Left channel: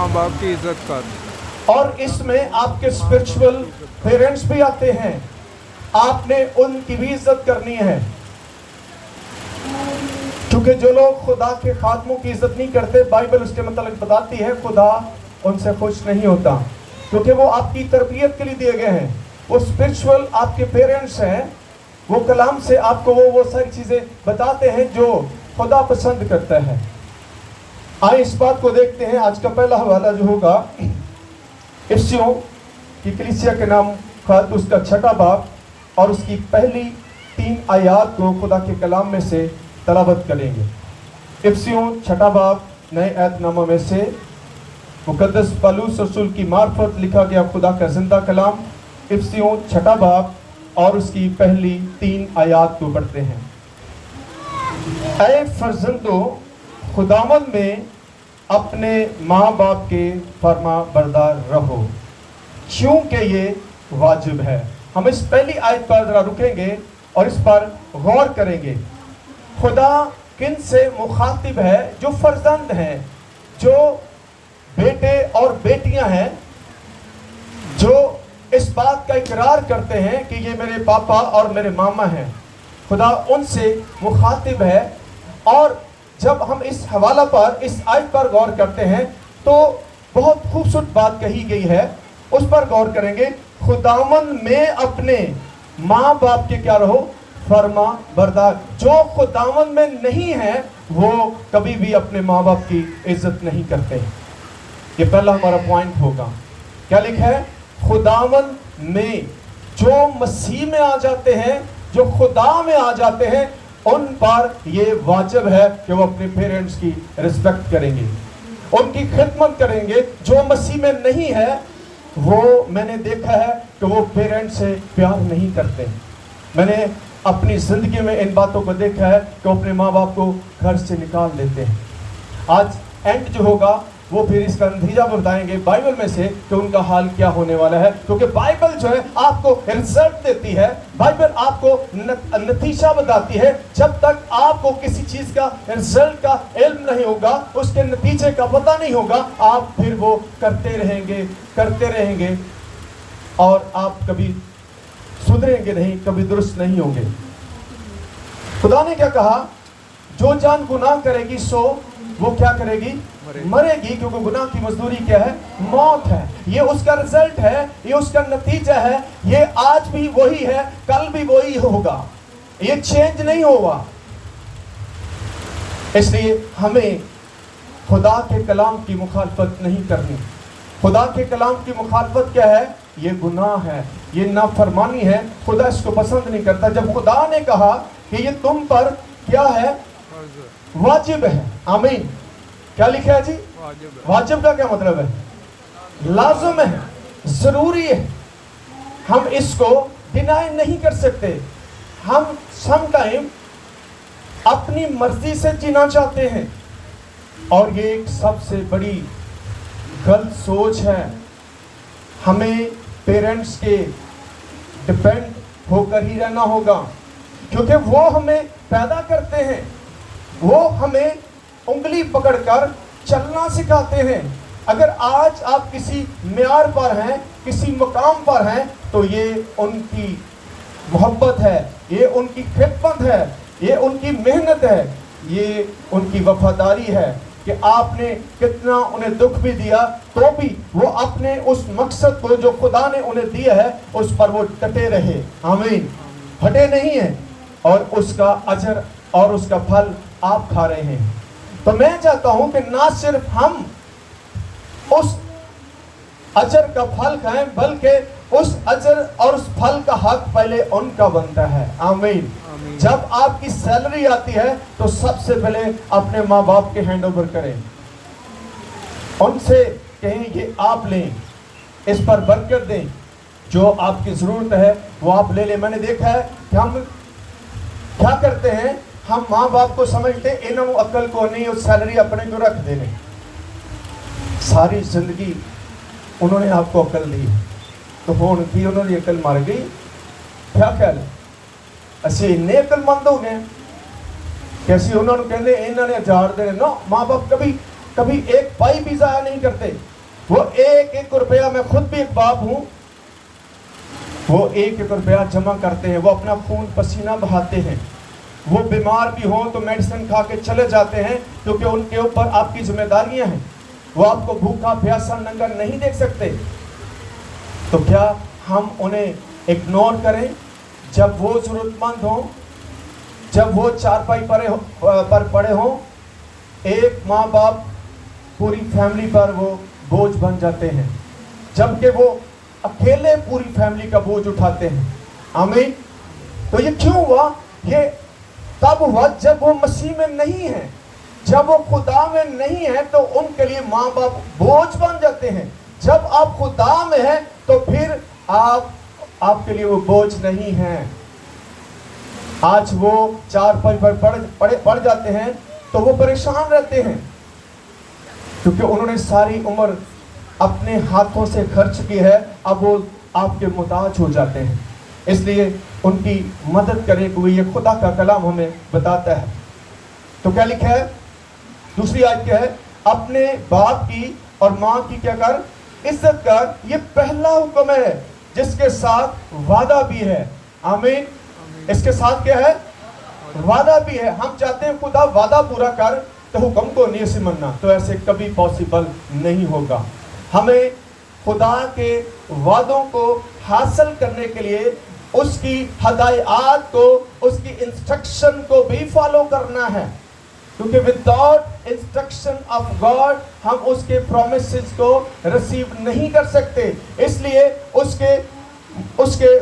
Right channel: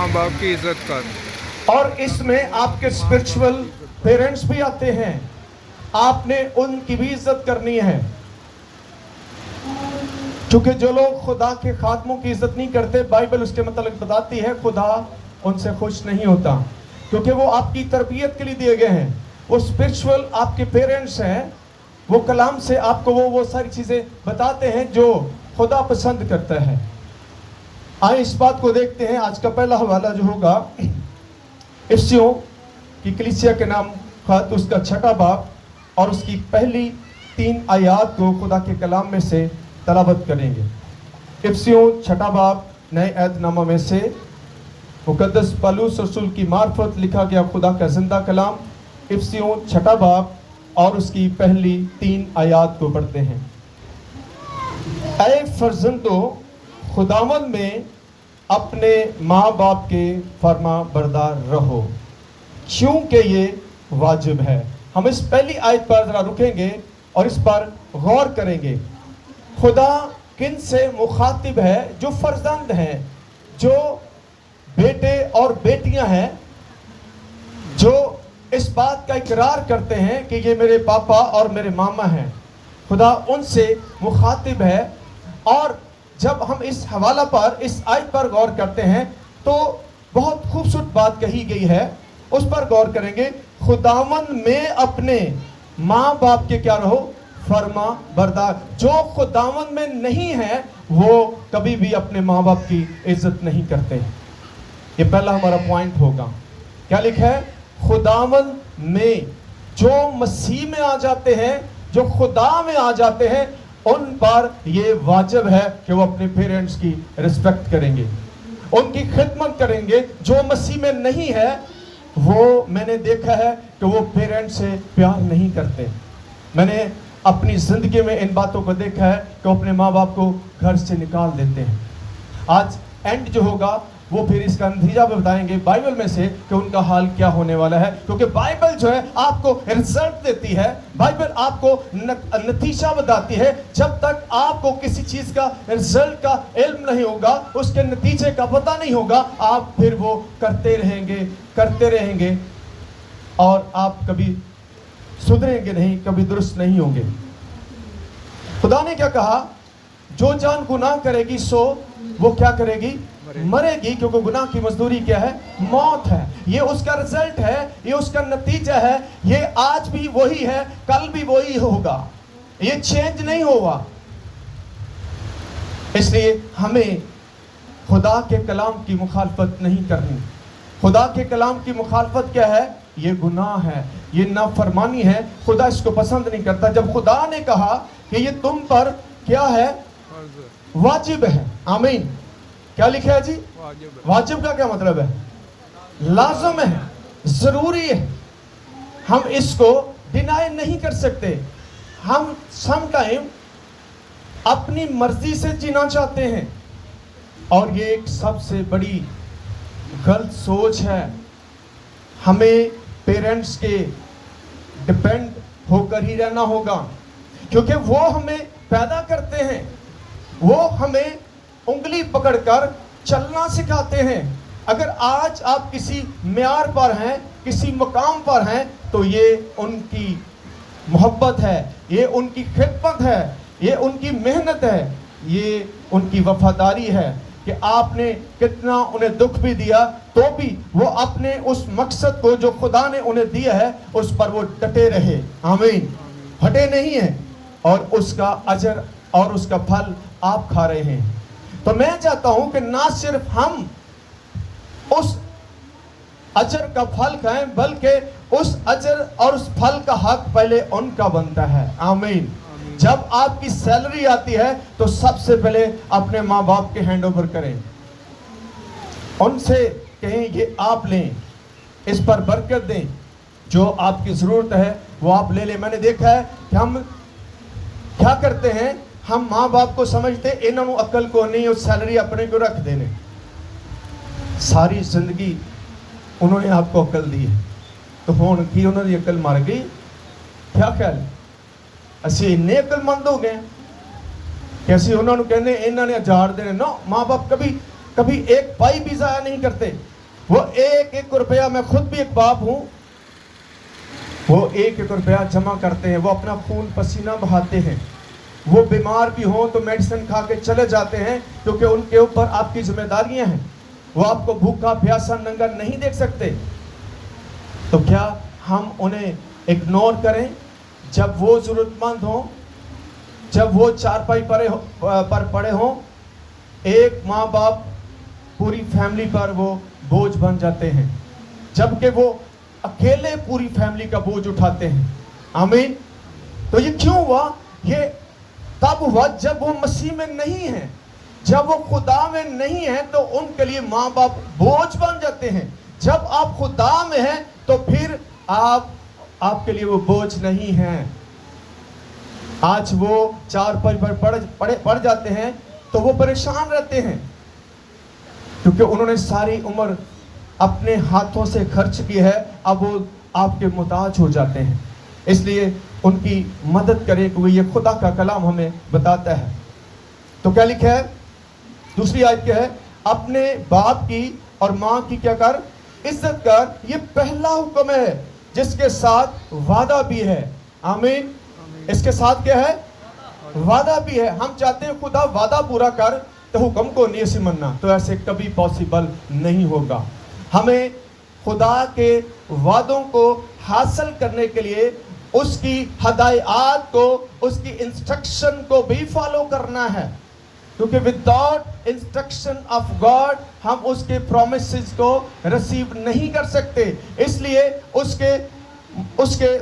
माँ बाप की इज्जत कर। और इसमें आपके स्पिरिचुअल पेरेंट्स भी आते हैं, आपने उनकी भी इज्जत करनी है, क्योंकि जो लोग खुदा के खातमों की इज्जत नहीं करते, बाइबल उसके मतलब बताती है खुदा उनसे खुश नहीं होता, क्योंकि वो आपकी तरबियत के लिए दिए गए हैं। वो स्पिरिचुअल आपके पेरेंट्स हैं, वो कलाम से आपको वो सारी चीज़ें बताते हैं जो खुदा पसंद करता है। आइए इस बात को देखते हैं। आज का पहला हवाला जो होगा इफ्सियों की कलीसिया के नाम खत, उसका 6वां बाब और उसकी पहली 3 आयात को खुदा के कलाम में से तलावत करेंगे। इफ्सियों 6वां बाब नए ऐतनामा में से मुकद्दस पौलुस रसूल की मार्फत लिखा गया खुदा का जिंदा कलाम। इफ्सियों 6वां बाब और उसकी पहली 3 आयात को पढ़ते हैं। ऐ फर्जंदों, खुदावंद में अपने माँ बाप के फर्मा बरदार रहो, क्योंकि ये वाजिब है। हम इस पहली आयत पर जरा रुकेंगे और इस पर गौर करेंगे। खुदा किन से मुखातिब है? जो फर्जंद हैं, जो बेटे और बेटियां हैं, जो इस बात का इकरार करते हैं कि ये मेरे पापा और मेरे मामा हैं। खुदा उनसे मुखातिब है। और जब हम इस हवाला पर, इस आयत पर गौर करते हैं तो बहुत खूबसूरत बात कही गई है, उस पर गौर करेंगे। खुदावंद में अपने माँ बाप के क्या रहो? फर्मा बरदार। जो खुदावंद में नहीं है वो कभी भी अपने माँ बाप की इज्जत नहीं करते। ये पहला हमारा पॉइंट होगा। क्या लिखा है? खुदावंद में, जो मसीह में आ जाते हैं, जो खुदा में आ जाते हैं, उन पर ये वाजिब है कि वो अपने पेरेंट्स की रिस्पेक्ट करेंगे, उनकी खिदमत करेंगे। जो मसीह में नहीं है वो, मैंने देखा है कि वो पेरेंट्स से प्यार नहीं करते। मैंने अपनी जिंदगी में इन बातों को देखा है कि वो अपने माँ बाप को घर से निकाल देते हैं। आज एंड जो होगा वो फिर इसका नतीजा बताएंगे बाइबल में से कि उनका हाल क्या होने वाला है, क्योंकि बाइबल जो है आपको रिजल्ट देती है, बाइबल आपको नतीजा बताती है। जब तक आपको किसी चीज का रिजल्ट का इल्म नहीं होगा, उसके नतीजे का पता नहीं होगा, आप फिर वो करते रहेंगे और आप कभी सुधरेंगे नहीं, कभी दुरुस्त नहीं होंगे। खुदा ने क्या कहा? जो जान गुनाह करेगी सो वो क्या करेगी? मरेगी, क्योंकि गुनाह की मजदूरी क्या है? मौत है। ये उसका रिजल्ट है, ये उसका नतीजा है। ये आज भी वही है, कल भी वही होगा, ये चेंज नहीं होगा। इसलिए हमें खुदा के कलाम की मुखालफत नहीं करनी। खुदा के कलाम की मुखालफत क्या है? ये गुनाह है, ये नाफरमानी है। खुदा इसको पसंद नहीं करता। जब खुदा ने कहा कि ये तुम पर क्या है? वाजिब है। आमीन। क्या लिखा है जी? वाजिब का क्या मतलब है? लाजिम है, जरूरी है। हम इसको डिनाई नहीं कर सकते। हम सम टाइम अपनी मर्जी से जीना चाहते हैं और ये एक सबसे बड़ी गलत सोच है। हमें पेरेंट्स के डिपेंड होकर ही रहना होगा, क्योंकि वो हमें पैदा करते हैं, वो हमें उंगली पकड़कर चलना सिखाते हैं। अगर आज आप किसी म्यार पर हैं, किसी मकाम पर हैं, तो ये उनकी मोहब्बत है, ये उनकी खिदमत है, ये उनकी मेहनत है, ये उनकी वफादारी है कि आपने कितना उन्हें दुख भी दिया तो भी वो अपने उस मकसद को जो खुदा ने उन्हें दिया है उस पर वो डटे रहे। आमीन। हटे नहीं है, और उसका अजर और उसका फल आप खा रहे हैं। तो मैं चाहता हूं कि ना सिर्फ हम उस अजर का फल खाएं, बल्कि उस अजर और उस फल का हक पहले उनका बनता है। आमीन। जब आपकी सैलरी आती है तो सबसे पहले अपने माँ बाप के हैंड ओवर करें, उनसे कहें ये आप लें, इस पर बरकत दें, जो आपकी जरूरत है वो आप ले लें। मैंने देखा है कि हम क्या करते हैं, हम माँ बाप को समझते इन्होंने अकल को नहीं, उस सैलरी अपने को रख देने। सारी जिंदगी उन्होंने आपको अकल दी तो हुण की उन्होंने अकल मर गई? क्या कह ਅਸੀਂ ਇੰਨੇ अकलमंद हो गए कि ਅਸੀਂ ਉਹਨਾਂ ਨੂੰ ਕਹਿੰਦੇ ਇਹਨਾਂ ਨੇ 1000 देने। नो, माँ बाप कभी कभी एक पाई भी जाया नहीं करते। वो एक एक रुपया, मैं खुद भी एक बाप हूं, वो एक एक रुपया जमा करते हैं, वो अपना खून पसीना बहाते हैं। वो बीमार भी हो तो मेडिसिन खा के चले जाते हैं, क्योंकि उनके ऊपर आपकी जिम्मेदारियां हैं। वो आपको भूखा प्यासा नंगा नहीं देख सकते। तो क्या हम उन्हें इग्नोर करें जब वो जरूरतमंद हो, जब वो चारपाई पर पड़े हों? एक माँ बाप पूरी फैमिली पर वो बोझ बन जाते हैं, जबकि वो अकेले पूरी फैमिली का बोझ उठाते हैं। आमीन। तो ये क्यों हुआ? ये तब हुआ जब वो मसीह में नहीं है। जब वो खुदा में नहीं है तो उनके लिए माँ बाप बोझ बन जाते हैं। जब आप खुदा में हैं तो फिर आपके लिए वो बोझ नहीं है। आज वो चारपाई पर पड़ जाते हैं तो वो परेशान रहते हैं, क्योंकि उन्होंने सारी उम्र अपने हाथों से खर्च की है। अब वो आपके मुताज हो जाते हैं, इसलिए उनकी मदद करें, क्योंकि ये खुदा का कलाम हमें बताता है। तो क्या लिखा है? दूसरी आयत क्या है? अपने बाप की और माँ की क्या कर? इज्जत कर। ये पहला हुक्म है जिसके साथ वादा भी है। आमीन। इसके साथ क्या है? वादा भी है। हम चाहते हैं खुदा वादा पूरा कर, तो हुक्म को नहीं से मनना, तो ऐसे कभी पॉसिबल नहीं होगा। हमें खुदा के वादों को हासिल करने के लिए उसकी हदायत को, उसकी इंस्ट्रक्शन को भी फॉलो करना है, क्योंकि विदाउट इंस्ट्रक्शन ऑफ गॉड हम उसके प्रॉमिसेस को रिसीव नहीं कर सकते। इसलिए उसके